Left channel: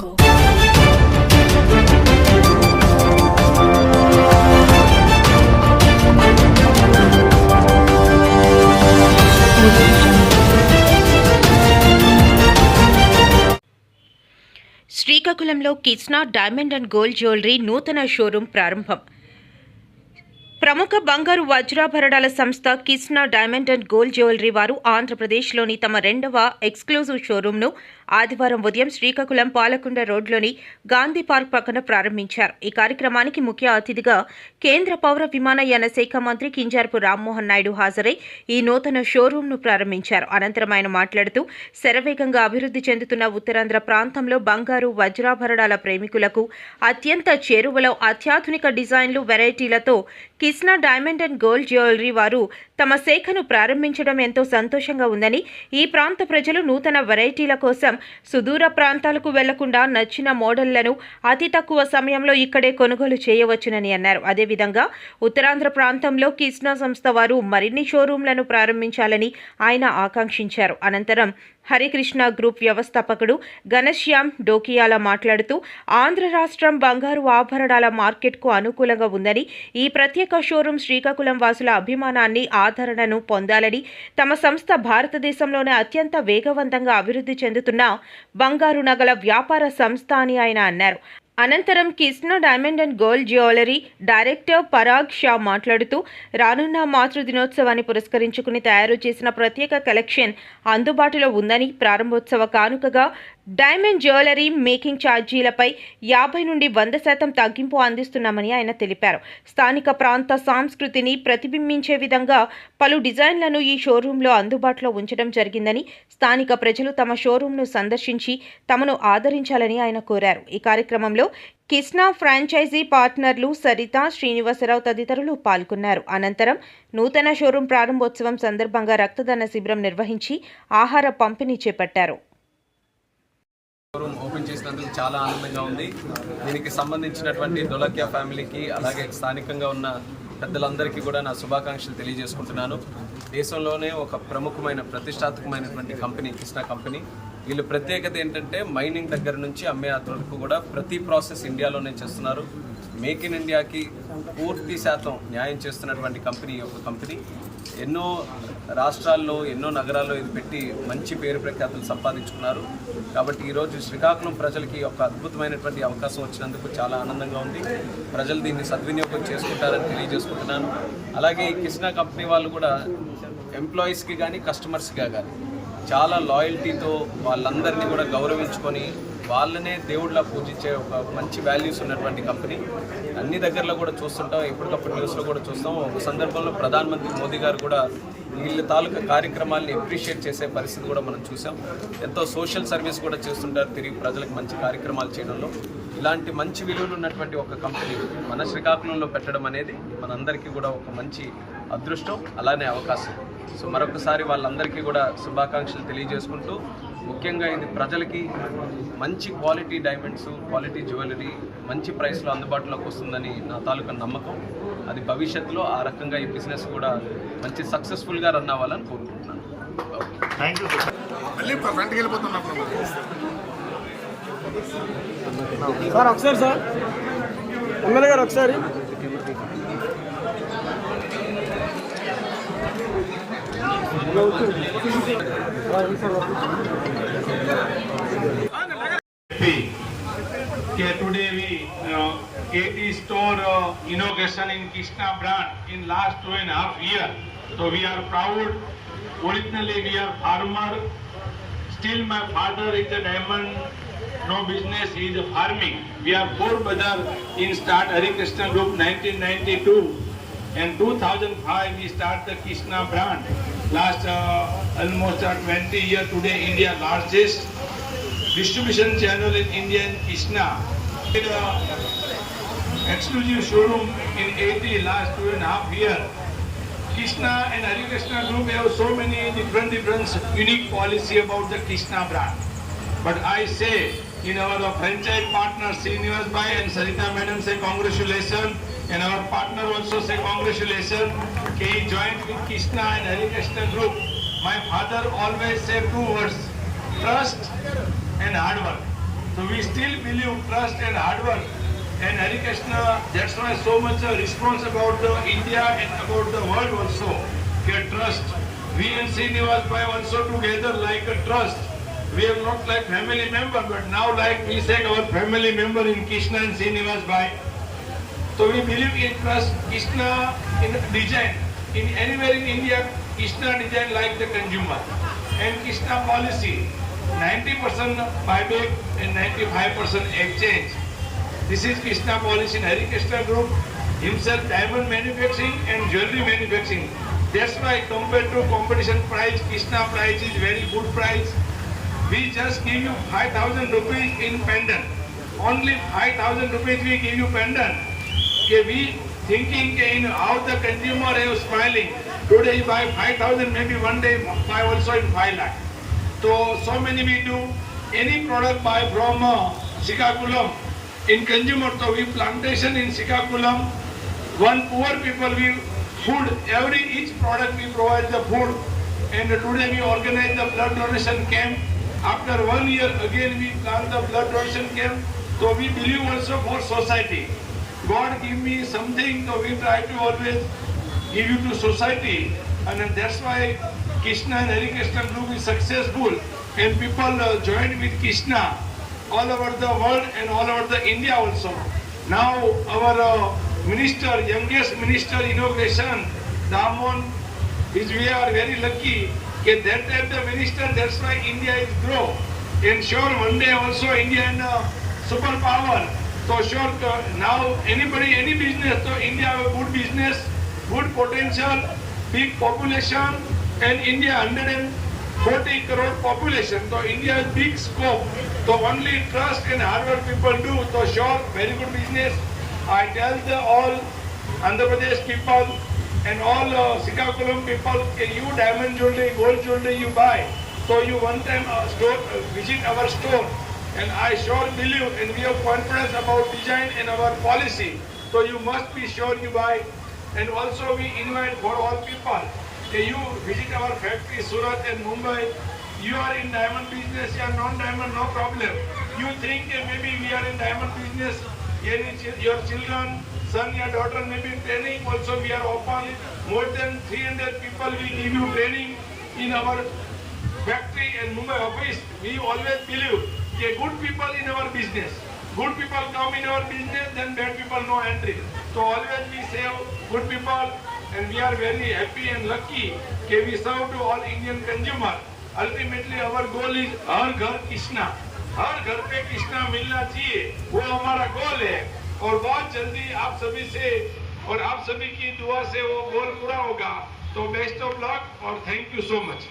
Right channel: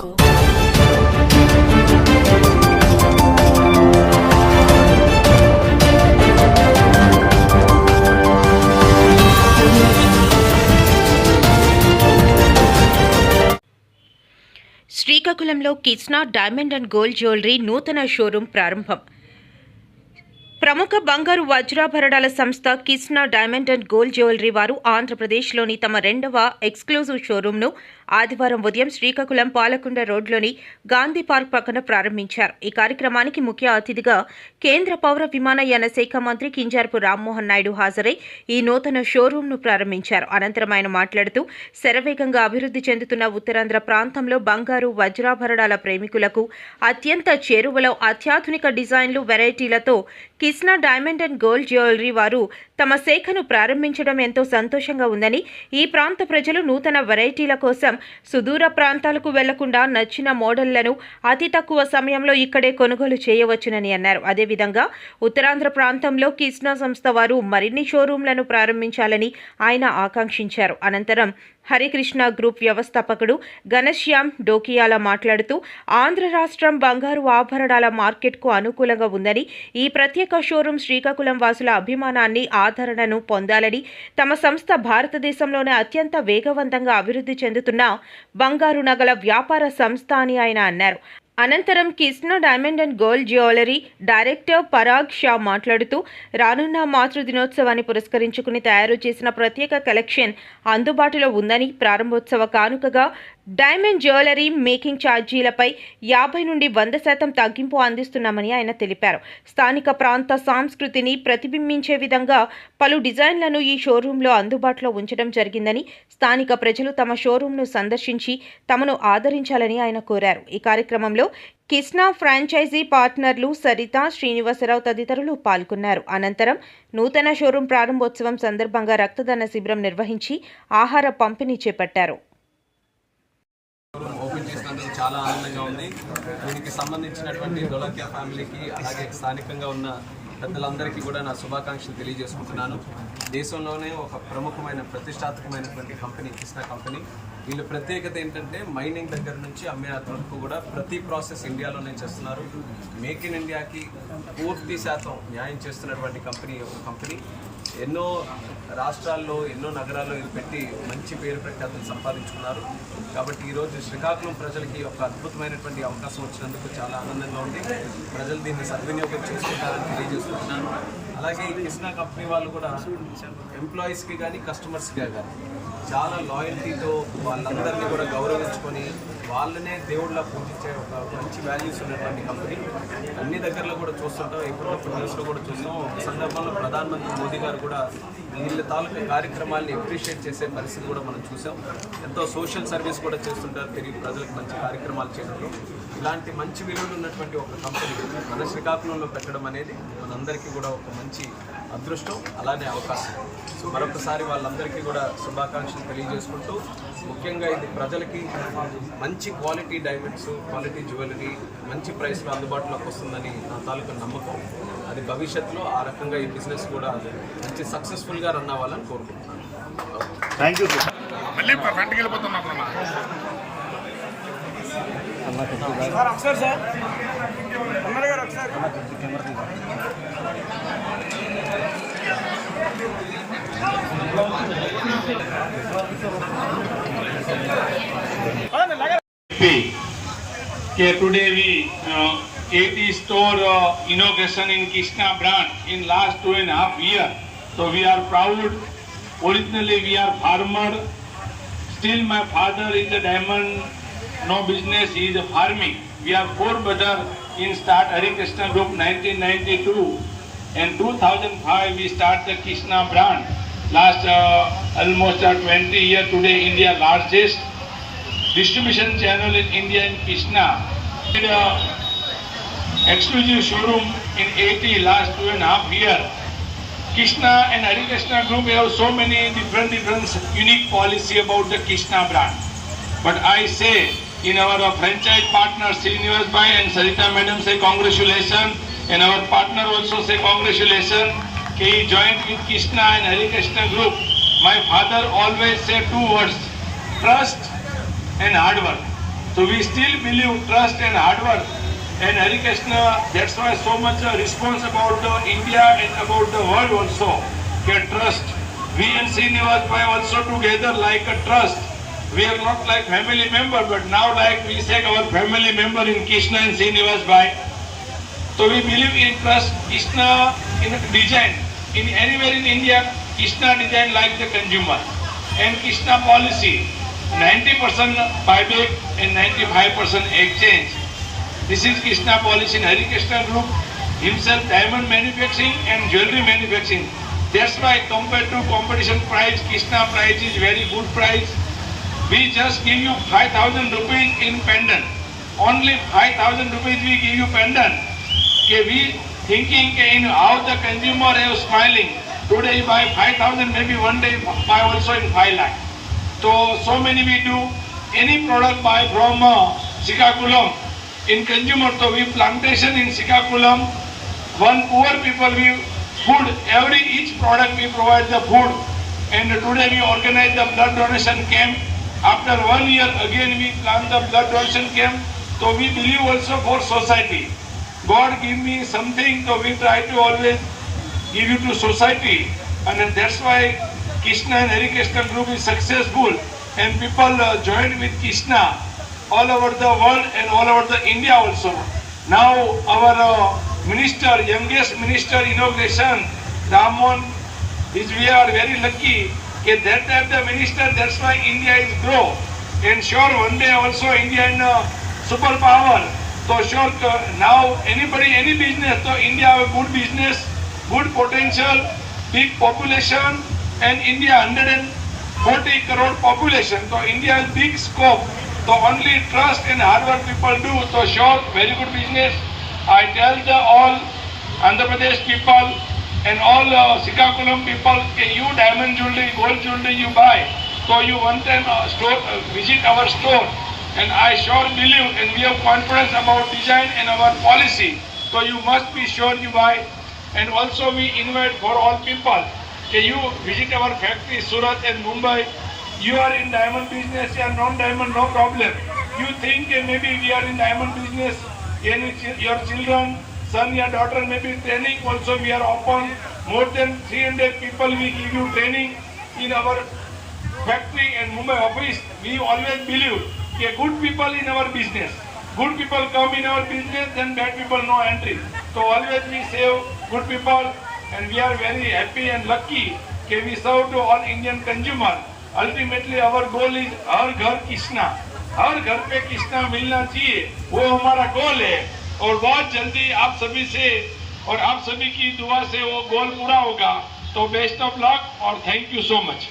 Go. శ్రీకాకుళంలో Kisna diamond and gold jewellery నూతన షోరూం ప్రారంభం. ప్రముఖ బంగారు వజ్రాభరణాల సంస్థ Kisna diamond and gold jewellery వారు ఆంధ్రప్రదేశ్లోని తమ రెండవ ఎక్స్క్లూజివ్ షోరూంను ఆదివారం ఉదయం శ్రీకాకుళం పాలకొండ రోడ్లోని గాంధీ పార్క్ పక్కన ప్రారంభించారు. ఈ కార్యక్రమానికి ముఖ్య అతిథిగా కేంద్ర పౌర విమానయాన శాఖ మంత్రి కింజరాపు రామ్మోహన్ నాయుడు హాజరై ఈ నూతన షోరూంను ప్రారంభించారు. అనంతరం ఆయన మాట్లాడుతూ శరవేగంగా అభివృద్ధి చెందుతున్న ఉత్తరాంధ్ర ప్రాంతంలో బంగారు వజ్రాభరణాల ప్రేమికులకు అత్యంత చేరువలో అత్యాధునిక డిజైన్లు వెరైటీలతో Kisna diamond and gold jewellery వారు తమ శాఖను ప్రారంభించడం ఎంతో సంతోషంగా ఉందని, ఈ ప్రాంత ప్రజలు నూతన వెరైటీల కోసం సుదూర ప్రాంతాలకు వెళ్లకుండా నచ్చిన మోడళ్లను అతి తక్కువ సమయంలో ఇక్కడే కొనుగోలు చేయవచ్చునని అన్నారు. అదేవిధంగా ఉత్తరాంధ్ర ప్రాంతంలో కిస్నా సంస్థ వారు మరిన్ని షోరూంలను ప్రారంభించాలని ఆయన ఆకాంక్షించారు. అనంతరం హరికృష్ణ గ్రూప్ వ్యవస్థాపకుడు ఘనశ్యామ్ డోకియాల మాట్లాడుతూ ఆంధ్ర రాష్ట్రం బంగారు ఆభరణాల మార్కెట్కు అనుకూలంగా ఉందని, ఈ ప్రత్యేక షోరూం శ్రీకాకుళం వాసుల అభిమానాన్ని ఆదరణను పొందాలని, తమ సంస్థ భారతదేశంలోనే అత్యంత వేగవంతంగా అభివృద్ధి చెందుతున్న బంగారు నగల వ్యాపార సంస్థ అని ఆయన అన్నారు. అనంతరం Kisna diamond and gold jewellery director Parag షా మాట్లాడుతూ రానున్న మాతృ దినోత్సవాన్ని పురస్కరించుకుని తయారు చేసిన ప్రత్యేక కలెక్షన్ అందుబాటులో ఉందని, ప్రారంభోత్సవ కానుకగా డైమండ్ జ్యువెలరీ మేకింగ్ ఛార్జీలపై 50 నుండి 100% తగ్గింపు అందిస్తున్నామని ఆయన తెలిపారు. స్థానిక ప్రాంత సంస్కృతిని ప్రతిబింబించే విధంగా పలు డిజైన్లను ఈ షోరూంలో అందుబాటులో ఉంచడం జరిగిందని, స్థానిక ప్రజలు తమ షోరూంను సందర్శించి తమను ఆదరించాలని ఆయన కోరారు. ఈ కార్యక్రమంలో కిస్నా ఫ్రాంచైజీ పార్ట్నర్లు సరిత, శ్రీనివాసరావు తదితరులు పాల్గొన్నారు. అనంతరం నూతన షోరూం ప్రారంభోత్సవం సందర్భంగా రక్తదాన శిబిరం నిర్వహించి ఆహార పంపిణీ చేపట్టారు. షోరూమ్ ఓపెన్ చేసినందుకు చాలా ఆనందంగా ఉంది. దీనికి సంబంధించినటువంటి డొలక్యా ఫ్యామిలీకి, అలాగే స్థానికంగా ఉన్న పెద్దలందరికీ కూడా నా శుభాకాంక్షలు తెలియజేసుకుంటున్నాను. దేశంలోనే ఒక ప్రముఖమైన ప్రతిష్టాత్మకమైనటువంటి కంపెనీ కిస్నా కంపెనీ. వీళ్ళు ప్రత్యేకత ఏంటంటే మైనింగ్ దగ్గర నుంచి అమ్మే వరకు కూడా ప్రతి ప్రాసెస్ ఇండియాలోనే చేస్తున్నారు. మేక్ ఇన్ ఇండియాకి పూర్తి శాతం న్యాయం చేస్తున్నటువంటి కంపెనీ ఒక కంపెనీ. ఎన్నో రాష్ట్రాల్లో, ఎన్నో నగరాల్లో ఇది పెట్టి మంచి పేరు ప్రఖ్యాతులు సంపాదించుకున్నారు. కాబట్టి ఈరోజు శ్రీకాకుళం ప్రజలకి ఒక అద్భుతమైనటువంటి అవకాశం వచ్చినందుకు చాలా ఆనందంగా ఉంది. ప్రజలు దీన్ని సద్వినియోగం చేసుకుంటారని తెలియజేసుకుంటున్నాను. అలాగే ఈ కిస్నా కంపెనీ వాళ్ళు కూడా ఎంప్లాయీస్కి కానీ కస్టమర్స్గా కానీ చాలా లాయల్టీతో వాళ్ళందరినీ కూడా గౌరవించుకొని వాళ్ళనే దేవుళ్ళ పూజించే ఒక మంచి వాల్యూస్ ఉన్నటువంటి కంపెనీ. అన్ని దగ్గరలో కూడా చూస్తుంటాం, ఎప్పటికప్పుడు న్యూస్లో కూడా చూస్తాం. ఒక సందర్భంలో ప్రధానమంత్రి మోదీ గారు కూడా వీళ్ళ తాలూకా కార్యక్రమాల్ని అప్రిషియేట్ చేసే పరిస్థితి కూడా మనం చూసాం. ఎంతో సోషల్ సర్వీస్ కూడా చేస్తుంటారు తిరిగి ప్రజలకు మంచి కార్యక్రమాలు చేయడంలో. ఇలాంటి మంచి విలువలు ఉన్నటువంటి ఒక కంపెనీ మన శ్రీకాకుళంలో పెట్టడం అనేది మనందరికీ కూడా ఒక మంచి అదృష్టం, అలానే అవకాశం. సో మరొకసారి వాళ్ళందరికీ కూడా శుభాకాంక్షలు తెలియజేసుకుంటూ, ముఖ్యంగా ఇది ప్రజలకి మంచి క్వాలిటీ డైమండ్స్, క్వాలిటీ జ్యువెలరీ మంచి ప్రైస్లో అందుబాటులోకి వస్తుందని నా తాలూకా నమ్మకం. అది భవిష్యత్తులో ఆ రకంగా ఈ బిజినెస్ కూడా మంచి సక్సెస్ఫుల్గా రన్ అవ్వాలని కోరుకుంటున్నాను. Thank you sir. మళ్ళీ ఫ్రంట్కి వెళ్ళిపోతున్నారు సార్. ఒకసారి సార్ ఎమ్మెల్యే గారు ఒకసారి today we 80 store inauguration in Kishna brand in last 2.5 years. So we are proud. Originally we are farmer. Still my father is a diamond. No business, he is a farming. We are 4 brothers in start Harikrishna Group 1992. In 2005 we start the Kishna brand. Last almost 20 years today India largest distribution channel in India in Kishna. Exclusive showroom in 80 last 2.5 years. Kishna and Harikrishna Group have so many different unique policy about the Kishna brand. But I say in our franchise partner Srinivas Bhai and Sarita Madam say congratulations, and our partner also say congratulations. He joined with Kishna and Harikrishna Group. My father always say 2 words: trust and hard work. So we still believe trust and hard work. And Hare Krishna, that's why so much response about the India and about the world also. Get trust. We and Srinivas Bhai also together like a trust. We are not like family member, but now like we say our family member in Krishna and Srinivas Bhai. So we believe in trust. Krishna in design. In anywhere in India, Krishna design like the consumer. And Krishna policy, 90% buyback and 95% exchange. This is Krishna policy in Hare Krishna Group, himself diamond manufacturing and jewelry manufacturing. That's why compared to competition price, Krishna price is very good price. We just give you 5,000 rupees in pendant. Only 5,000 rupees we give you pendant. Okay, we thinking in how the consumer is smiling. Today you buy 5,000, maybe one day buy also in 5 lakh. So many we do. Any product buy from Srikakulam. In consumer, so we plantation in Srikakulam, one poor people we food, each product we provide the food. And today we organize the blood donation camp. After 1 year again we plan the blood donation camp. So we believe also for society. God give me something, so we try to always give it to society. And that's why Krishna and Hare Krishna Group is successful. And people joined with Krishna all over the world and all over the India also. Now our minister, youngest minister inauguration, Damon, we are very lucky. That time the minister, that's why India is grow. And sure one day also India in superpower. So sure now anybody, any business, so India have a good business, good potential, big population, and India 140 crore population. So India has big scope. So only trust and hard work people do. So sure, very good business. I tell the all Andhra Pradesh people and all Srikakulam people, you diamond jewelry, gold jewelry you buy. So you one time visit our store. And I sure believe and we have confidence about design and our policy. So you must be sure you buy. And also we invite for all people. Can you visit our factory, Surat and Mumbai? You are in diamond business, you are non-diamond, no problem. You think maybe we are in diamond business, your children, son, your daughter may be training, also we are open. More than 300 people we give you training in our factory and Mumbai office. We always believe that good people in our business. Good people come in our business, then bad people no entry. So always we save good people and we are very happy and lucky that we serve to all Indian consumer. Ultimately our goal is हर घर कृष्णा, हर घर पे कृष्णा मिलना चाहिए, वो हमारा गोल है और बहुत जल्दी आप सभी से और आप सभी की दुआ से वो गोल पूरा होगा. तो बेस्ट ऑफ लक और थैंक यू सो मच.